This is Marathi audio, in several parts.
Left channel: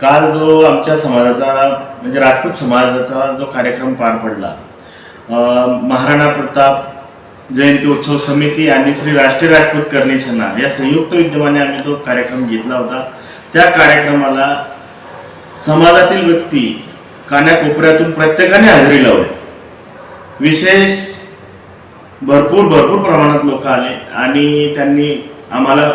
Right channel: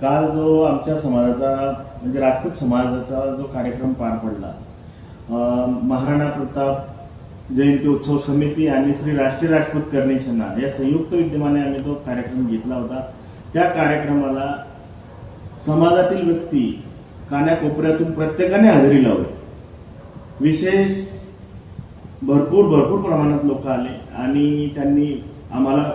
काल जो आमच्या समाजाचा म्हणजे राजपूत समाजाचा जो कार्यक्रम पार पडला महाराणा प्रताप जयंती उत्सव समिती आणि श्री राष्ट्रीय राजपूत करणी या संयुक्त विद्यमाने आम्ही तो कार्यक्रम घेतला होता. त्या कार्यक्रमाला समाजातील व्यक्ती कान्याकोपऱ्यातून प्रत्येकाने हजेरी लावली. विशेष भरपूर भरपूर प्रमाणात लोक आले आणि त्यांनी आम्हाला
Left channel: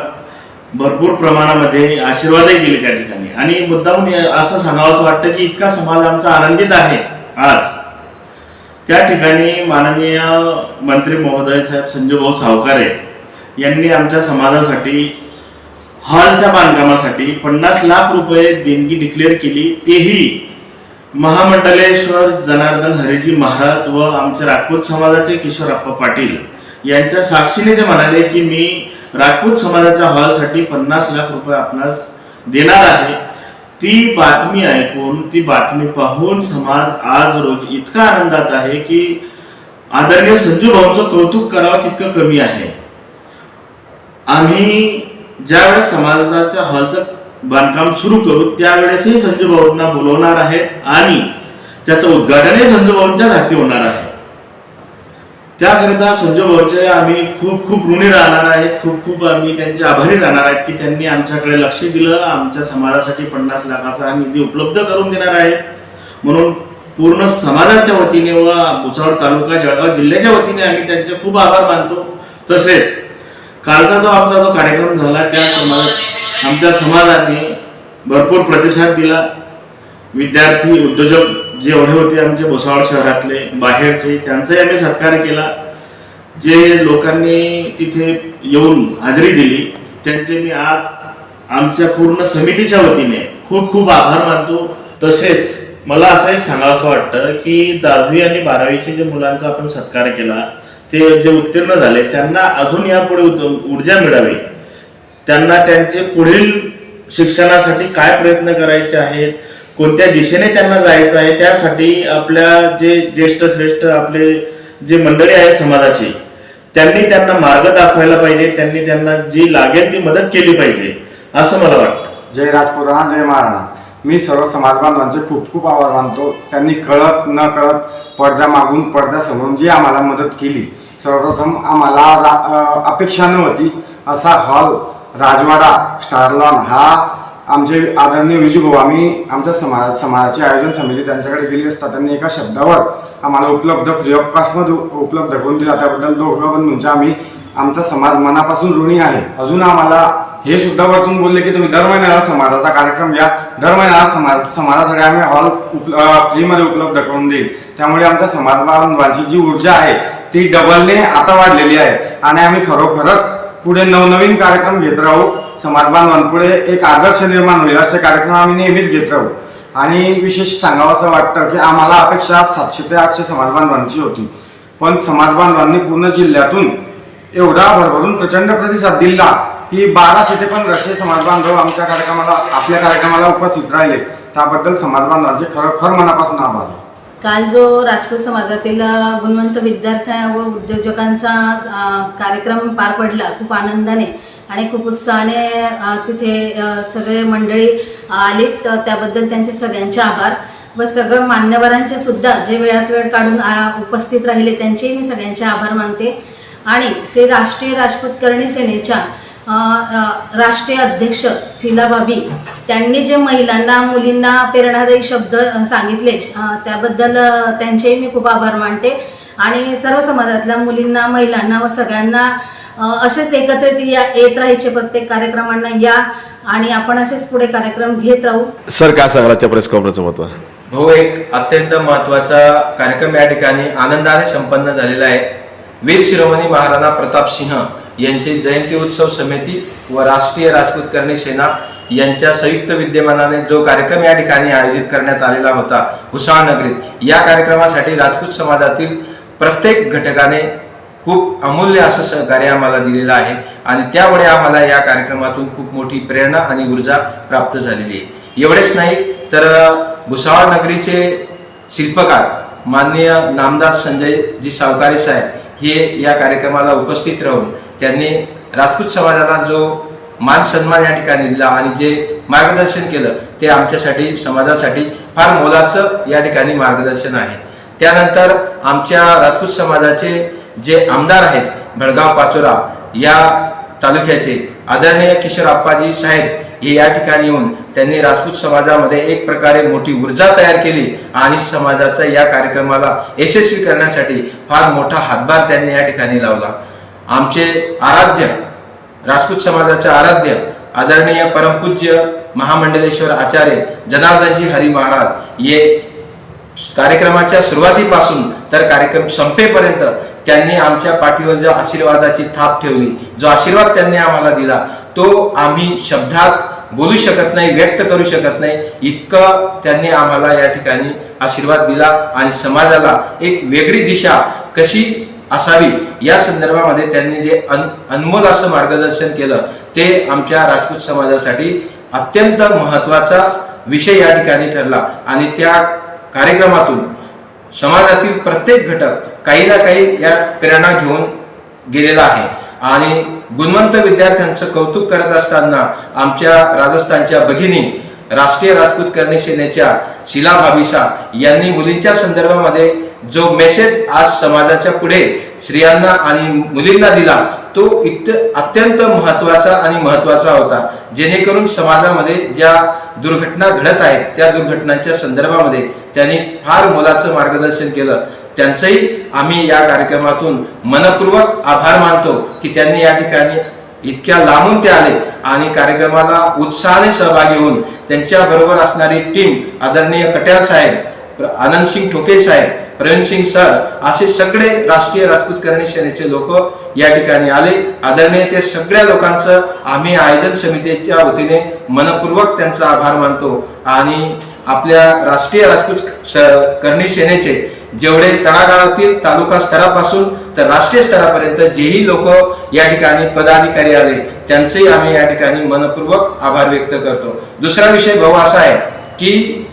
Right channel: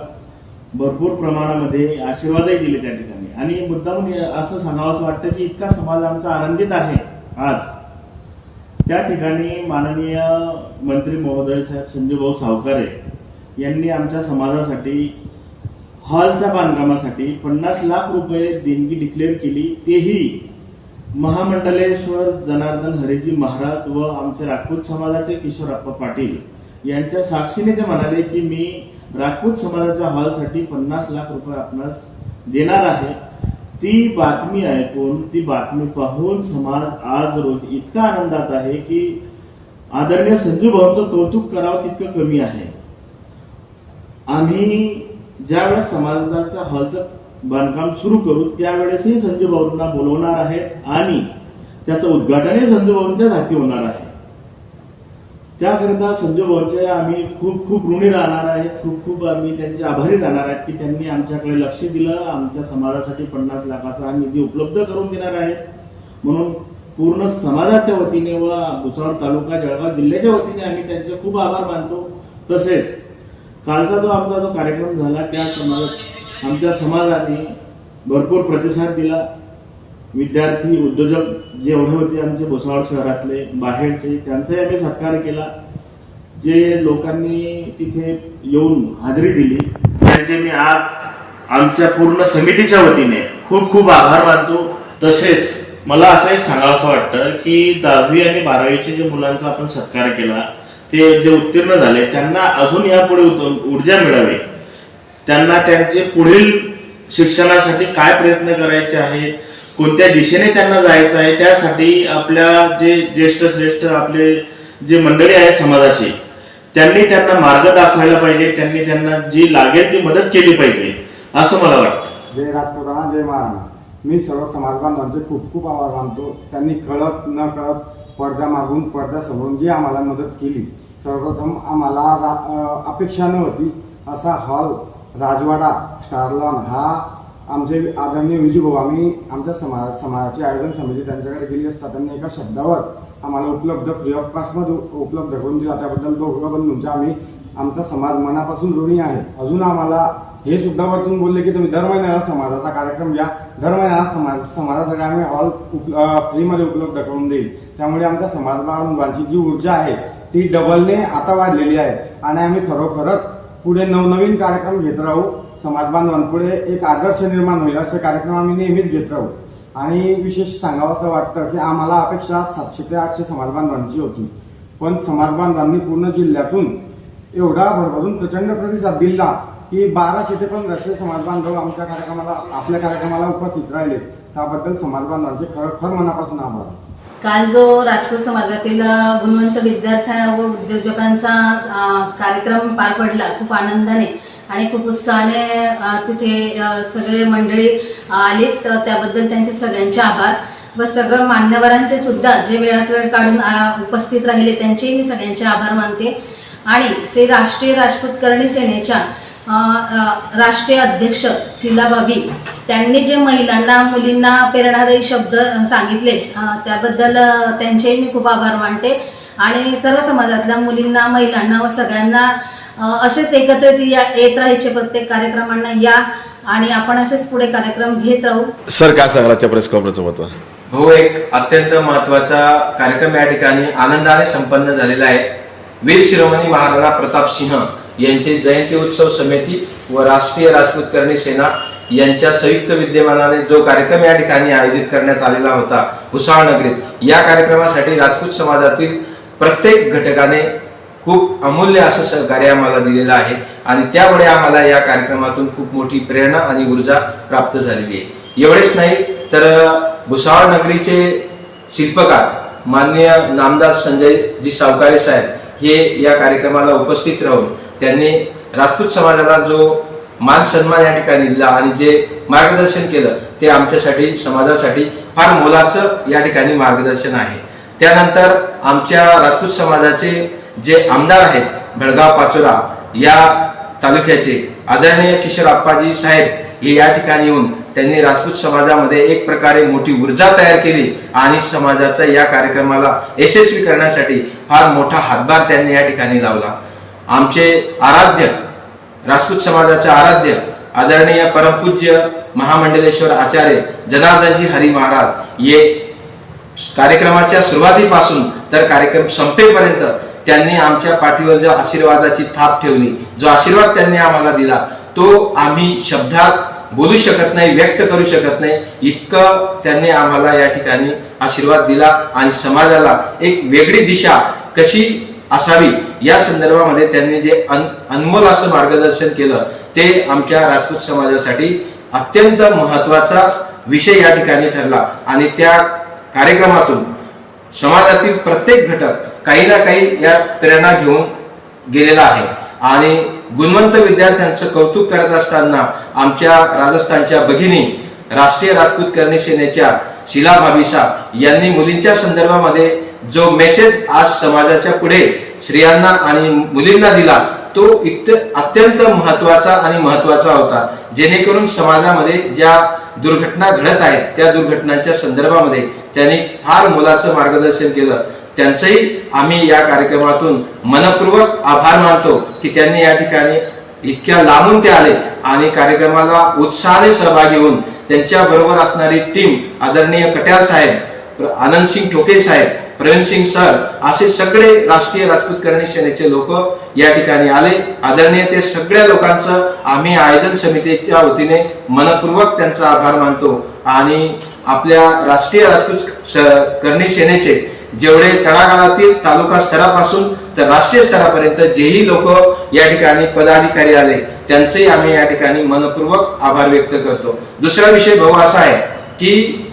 भरपूर प्रमाणामध्ये आशीर्वादही दिले त्या ठिकाणी. आणि मुद्दाम असं सांगावं असं वाटतं की इतका समाज आमचा आनंदित आहे आज. त्या ठिकाणी माननीय मंत्री महोदय साहेब संजूभाऊ सावकारे यांनी आमच्या समाजासाठी हॉलच्या बांधकामासाठी पन्नास लाख रुपये देणगी डिक्लेअर केली. तेही महामंडलेश्वर जनार्दन हरिजी महाराज व आमच्या राजपूत समाजाचे किशोरप्पा पाटील यांच्या साक्षीने ते म्हणाले की मी राजपूत समाजाच्या हॉलसाठी पन्नास लाख रुपये आपणास देणार आहे. ती बातमी ऐकून ती बातमी पाहून समाज आज रोज इतका आनंदात आहे की आदरणीय संजू भाऊंचं कौतुक करावं तितकं कमी आहे. आम्ही ज्यावेळेस समाजाच्या हॉलचं बांधकाम सुरू करू त्यावेळेसही संजू भाऊंना बोलवणार आहे आणि त्याचं उद्घाटनही संजू भाऊंच्याच हाती होणार आहे. त्याकरिता संजय भाऊचे आम्ही खूप खूप ऋणी राहणार आहेत. खूप खूप आम्ही त्यांचे आभारी राहणार आहेत की त्यांनी आमच्याकडे लक्ष दिलं आमच्या समाजासाठी पन्नास लाखाचा निधी उपलब्ध करून देणार आहे म्हणून पूर्ण समाजाच्या वतीने व भुसावळ तालुका जळगाव जिल्ह्याच्या वतीने आम्ही त्यांचे खूप आभार मानतो. तसेच कालचा जो आमचा जो कार्यक्रम झाला त्या समाज आमच्या समाजाने भरपूर प्रतिसाद दिला. विद्यार्थी उद्योजक जे एवढे होते आमचे भुसावळ शहरातले बाहेरचे त्यांचाही आम्ही सत्कार केला. जे लोकांनी तिथे येऊन हजेरी दिली त्यांचे मी आज आमच्या पूर्ण समितीच्या वतीने खूप खूप आभार मानतो. तसेच मला असं एक सांगावंसं वाटतं की दहावी आणि बारावीचे जे मुलांचा आपण सत्कार केला ते जे उत्तीर्ण झाले त्यांना अजून यापुढे ऊर्जा मिळावी. त्यांना त्यांचे पुढील शिक्षणासाठी काय प्रयत्न करायचे आहेत कोणत्या दिशेने त्यांना जायचं आहे त्यासाठी आपल्या जे ज्येष्ठ श्रेष्ठ आपले जे मंडळी आहे समाजाची त्यांनी त्यांना मार्ग दाखवायला पाहिजे त्यांनी त्यांना जी लागेल ती मदत केली पाहिजे असं मला वाटतं. जय राजपुरा जय महाराणा. मी सर्व समाज बांधवांचे खूप खूप आभार मानतो. त्यांनी कळत न कळत पडद्या मागून पडद्या समजून जी आम्हाला मदत केली सर्वप्रथम आम्हाला रा अपेक्षा नव्हती असा हॉल राजवाडा स्टारलॉन हा आमचे आदरणीय विजूभाऊ आम्ही आमच्या समाज समाजाचे आयोजन समिती त्यांच्याकडे गेली असता त्यांनी एका शब्दावर आम्हाला उपलब्ध फ्री ऑफ कॉस्टमध्ये उपलब्ध करून दिला. त्याबद्दल दोघं म्हणजे आम्ही आमचा समाज मनापासून ऋणी आहे. अजून आम्हाला हे सुद्धा वरतून बोलले की तुम्ही दर महिन्याला समाजाचा कार्यक्रम घ्या. दर महिन्याला समाज समाजासाठी आम्ही हॉल उप फ्रीमध्ये उपलब्ध करून देईल. त्यामुळे आमच्या समाज बांधवांची जी ऊर्जा आहे ती डबलने आता वाढलेली आहे. आणि आम्ही खरोखरच पुढे नवनवीन कार्यक्रम घेत राहू. समाज बांधवांपुढे एक आदर्श निर्माण होईल असे कार्यक्रम आम्ही नेहमीच घेत राहू. आणि विशेष सांगावं असं वाटतं की आम्हाला अपेक्षा सातशे ते आठशे समाज बांधवांची होती. पण समाज बांधवांनी पूर्ण जिल्ह्यातून एवढा भरभरून प्रचंड प्रतिसाद दिला की बाराशे ते पंधराशे समाज बांधव आमच्या कार्यक्रमाला आपल्या कार्यक्रमाला उपस्थित राहिले. त्याबद्दल समाज बांधवांचे खरोखर मनापासून आभार. काल जो राजपूत समाजातील गुणवंत विद्यार्थ्या व उद्योजकांचा कार्यक्रम पार पडला खूप आनंदाने आणि खूप उत्साहाने तिथे सगळे मंडळी आलीत. त्याबद्दल त्यांचे सगळ्यांचे आभार व सगळं मान्यवरांचे सुद्धा जे वेळात वेळ काढून उपस्थित राहिले त्यांचेही मी सगळ्यांचे आभार मानते. आणि श्री राष्ट्रीय राजपूत करणी सेनेच्या राष्ट्रीय अध्यक्ष शीलाबाबी त्यांनी जे महिलांना मुलींना प्रेरणादायी शब्द सांगितले त्याबद्दल त्यांचेही मी खूप आभार मानते. आणि सर्व समाजातल्या मुलींना महिलांना व सगळ्यांना असेच एकत्रित या येत राहायचे प्रत्येक कार्यक्रमांना या आणि आपण असेच पुढे कार्यक्रम घेत राहू. सर काय सांगाल आजच्या प्रेस कॉन्फरन्सचं महत्त्व भाऊ एक अत्यंत महत्त्वाचा कार्यक्रम या ठिकाणी आनंदाने संपन्न झालेला आहे. वीर शिरोमणी महाराणा प्रताप सिंह यांचे जयंती उत्सव समिती व राष्ट्रीय राजपूत करणी सेना यांच्या संयुक्त विद्यमानाने जो कार्यक्रम या ठिकाणी आयोजित करण्यात आलेला होता भुसावळ या कार्यक्रमासाठी राजपूत समाजातील प्रत्येक घटकाने खूप अमूल्य असं सहकार्य आम्हाला दिलेलं आहे आणि त्यामुळे आम्हाला या कार्यक्रमातून खूप मोठी प्रेरणा आणि ऊर्जा प्राप्त झालेली आहे. एवढेच नाही तर भुसावळ नगरीचे शिल्पकार माननीय नामदार संजयजी सावकारे साहेब हे या कार्यक्रमाला उपस्थित राहून त्यांनी राजपूत समाजाला जो मान सन्मान या ठिकाणी दिला आणि जे मार्गदर्शन केलं ते आमच्यासाठी समाजासाठी फार मोलाचं या ठिकाणी मार्गदर्शन आहे. त्यानंतर आमच्या राजपूत समाजाचे जे आमदार आहेत भडगाव पाचोरा या तालुक्याचे आदरणीय किशोर आप्पाजी साहेब हे या ठिकाणी येऊन त्यांनी राजपूत समाजामध्ये एक प्रकारे मोठी ऊर्जा तयार केली आणि समाजाचा या कार्यक्रमाला यशस्वी करण्यासाठी फार मोठा हातभार त्यांनी या ठिकाणी लावला. आमचे आराध्य राजपूत समाजाचे आराध्य आदरणीय परमपूज्य महामंडलेश्वर आचार्य जनार्दनजी हरी महाराज हे कार्यक्रमाच्या सुरुवातीपासून तर कार्यक्रम संपेपर्यंत त्यांनी आमच्या पाठीवर जो आशीर्वादाची थाप ठेवली जो आशीर्वाद त्यांनी आम्हाला दिला तो आम्ही शब्दात बोलू शकत नाही व्यक्त करू शकत नाही इतकं त्यांनी आम्हाला या ठिकाणी आशीर्वाद दिला आणि समाजाला एक वेगळी दिशा कशी असावी या संदर्भामध्ये त्यांनी जे अन अनमोल असं मार्गदर्शन केलं ते आमच्या राजपूत समाजासाठी अत्यंत महत्त्वाचा विषय या ठिकाणी ठरला. आणि त्या कार्यक्रमातून समाजातील प्रत्येक घटक काही ना काही या प्रेरणा घेऊन गेलेला आहे. आणि गुणवंत विद्यार्थ्यांचं कौतुक करत असताना आमच्या राजस्थानच्या भगिनी राष्ट्रीय राजपूत करणी सेनेच्या शिला भाविसा यांनी मुलींच्या संदर्भामध्ये जो मेसेज आज समाजाच्या पुढे स्त्रियांना आणि मुलींना दिला तो इत अत्यंत महत्त्वाचा आणि महत्त्वाचा होता. जेणेकरून समाजामध्ये ज्या दुर्घटना घडत आहेत त्या दुर्घटनांच्या संदर्भामध्ये त्यांनी फार मोलाचं मार्गदर्शन केलं. त्यांचंही आम्ही या कार्यक्रमातून मनपूर्वक आभार मानतो की त्यांनी या ठिकाणी इतक्या लांबून ते आले आणि कार्यक्रमाला उत्साहाने सहभागी होऊन त्यांच्या बरोबर असणारी टीम आदरणीय कट्यार साहेब आनंद सिंग ठोके साहेब प्रवीण सिंग सर असे सगळे राष्ट्रीय राजपूत करणी सेनेचे लोक या ठिकाणी आले. आदरणीय ते सगळ्या लोकांचं आम्ही आयोजन समितीच्या वतीने मनपूर्वक त्यांचा आभार मानतो. आणि आपल्या राष्ट्रीय राजपूत करणी सेनेचे जेवढे तळागाळातील तालुका स्तरापासून तर राष्ट्रीय स्तरापर्यंत जेही लोक या ठिकाणी पदाधिकारी आले त्यांचेही आम्ही या ठिकाणी मनपूर्वक आभार व्यक्त करतो. दुसरा विषय भाऊ असा आहे की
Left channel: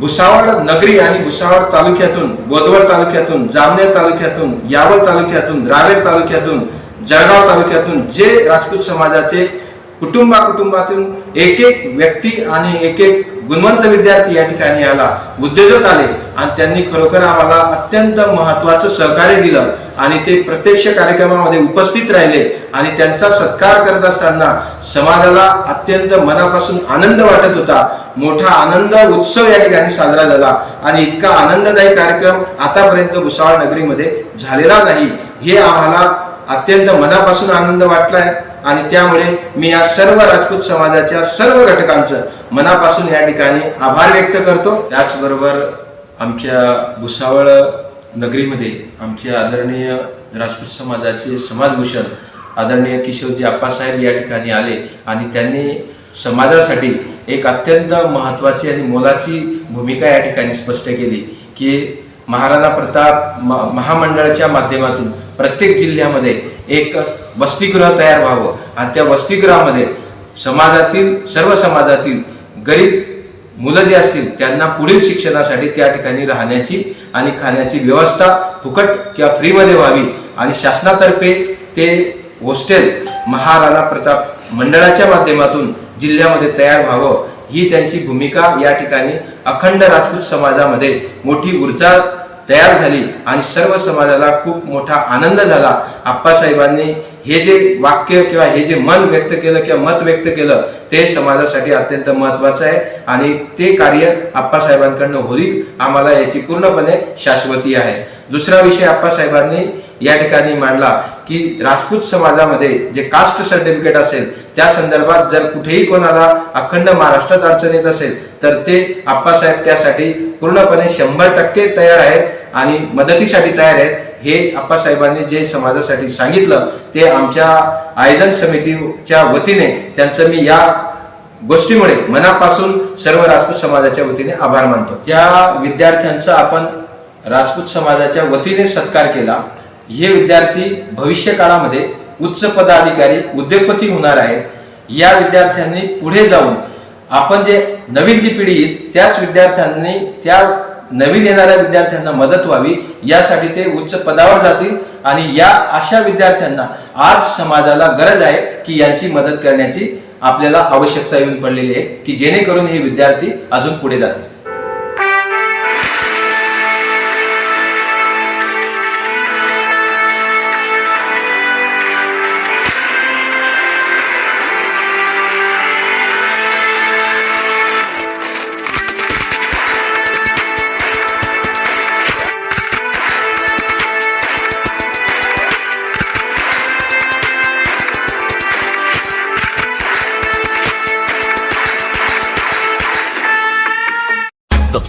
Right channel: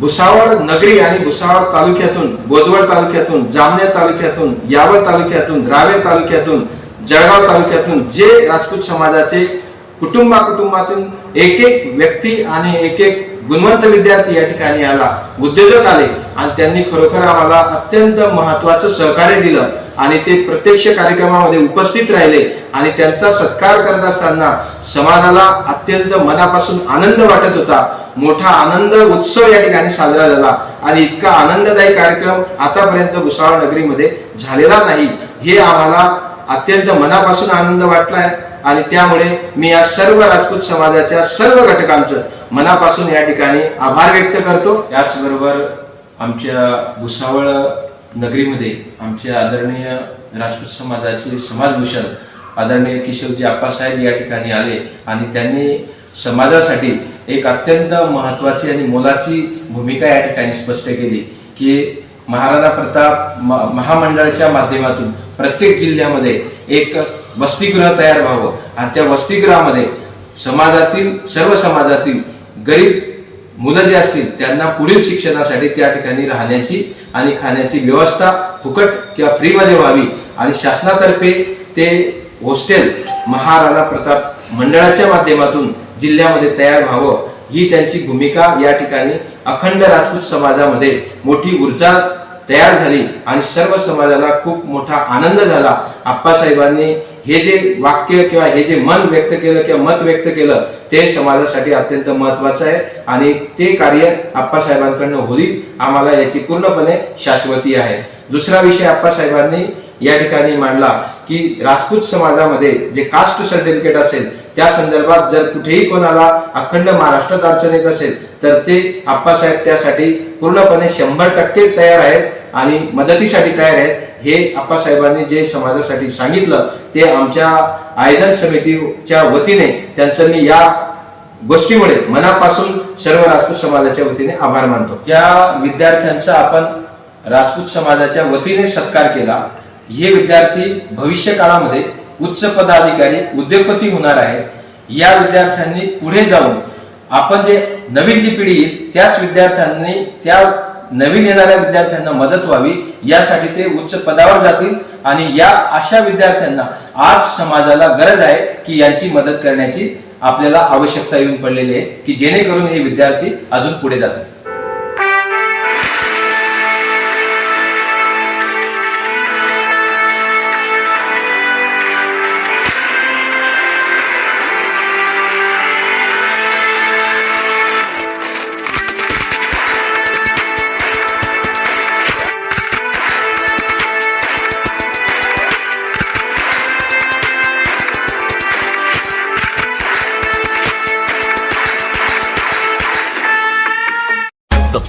भुसावळ नगरी आणि भुसावळ तालुक्यातून बोदवड तालुक्यातून जामनेर तालुक्यातून यावळ तालुक्यातून रावेर तालुक्यातून जळगाव तालुक्यातून जे राजपूत समाजाचे कुटुंबा कुटुंबातून एक एक व्यक्ती आणि एक एक गुणवंत विद्यार्थी या ठिकाणी आला उद्योजक आले आणि त्यांनी खरोखर आम्हाला अत्यंत महत्वाचं सहकार्य दिलं आणि ते प्रत्यक्ष कार्यक्रमामध्ये उपस्थित राहिले आणि त्यांचा सत्कार करत असताना समाजाला अत्यंत मनापासून आनंद वाटत होता. मोठा आनंद उत्सव या ठिकाणी साजरा झाला आणि इतका आनंददायी कार्यक्रम आतापर्यंत भुसावळ नगरीमध्ये झालेला नाही. हे आम्हाला अत्यंत मनापासून आनंद वाटलाय. आणि त्यामुळे मी या सर्व राजपूत समाजाच्या सर्व घटकांचं मनापासून या ठिकाणी आभार व्यक्त करतो. त्याचबरोबर आमच्या भुसावळ नगरीमध्ये आमचे आदरणीय राजपूत समाजाचे समाजभूषण आदरणीय किशोरजी आप्पासाहेब या ठिकाणी आले आणि त्यांनी समाजासाठी एक अत्यंत महत्वाची आणि मोलाची भूमिका या ठिकाणी स्पष्ट केली की महाराणा प्रताप म- महामंडळाच्या माध्यमातून प्रत्येक जिल्ह्यामध्ये एक वसतिगृह तयार व्हावं. आणि त्या वसतिगृहामध्ये समाजातील सर्व समाजातील गरीब मुलं जे असतील त्यांना पुढील शिक्षणासाठी त्या ठिकाणी राहण्याची आणि खाण्याची व्यवस्था फुकट किंवा फ्रीमध्ये व्हावी. आणि शासनातर्फे ते हॉस्टेल महाराणा प्रताप मंडळाच्या माध्यमातून जिल्ह्यामध्ये तयार व्हावं. ही त्यांची भूमिका या ठिकाणी अखंड राजपूत समाजामध्ये मोठी ऊर्जा तयार झाली आणि सर्व समाजाला खूप मोठा आनंद झाला. आप्पासाहेबांनी हे जे वाक्य किंवा हे जे मन व्यक्त केलं किंवा मत व्यक्त केलं ते समाजासाठी अत्यंत महत्वाचं आहे आणि ते कार्य आप्पासाहेबांकडनं होईल आम्हाला याची पूर्णपणे शाश्वती आहे. दुसरा विषय आप्पासाहेबांनी या ठिकाणी मांडला की राजपूत समाजामध्ये जे कास्ट सर्टिफिकेट असेल त्या संदर्भात जर कुठेही कोणाला अखंड महाराष्ट्रात अडचण येत असेल तर ते आप्पासाहेब त्यासाठी पूर्णपणे शंभर टक्के तयार आहेत आणि मदतीसाठी तयार आहेत. हे आप्पासाहेबांनी जे समाजासाठी सांगितलं ते आमच्या आयोजन समितीच्या वतीने त्यांचं मी या गोष्टीमुळे मनापासून सर्व राजपूत समाजाच्या वतीने आभार मानतो. या विद्यार्थ्यांचा आपण राजपूत समाजाच्या वतीने सत्कार केला. हे विद्यार्थी भविष्य काळामध्ये उच्च पदाधिकारी उद्योगपती होणार आहेत. या विद्यार्थ्यांनी पुढे जाऊन आपण जे नवीन जी पिढी येईल त्याच विद्यार्थ्यांनी त्या नवीन येणाऱ्या विद्यार्थ्यांना मदत व्हावी यासाठी ते उच्च पदावर जातील आणि या अशा विद्यार्थ्यांना आज समाजाला गरज आहे की यांची मदत करण्याची आपल्याला आवश्यकता येऊन पडलेली आहे की जेणेकरून हे विद्यार्थी अजून पुढे जातील.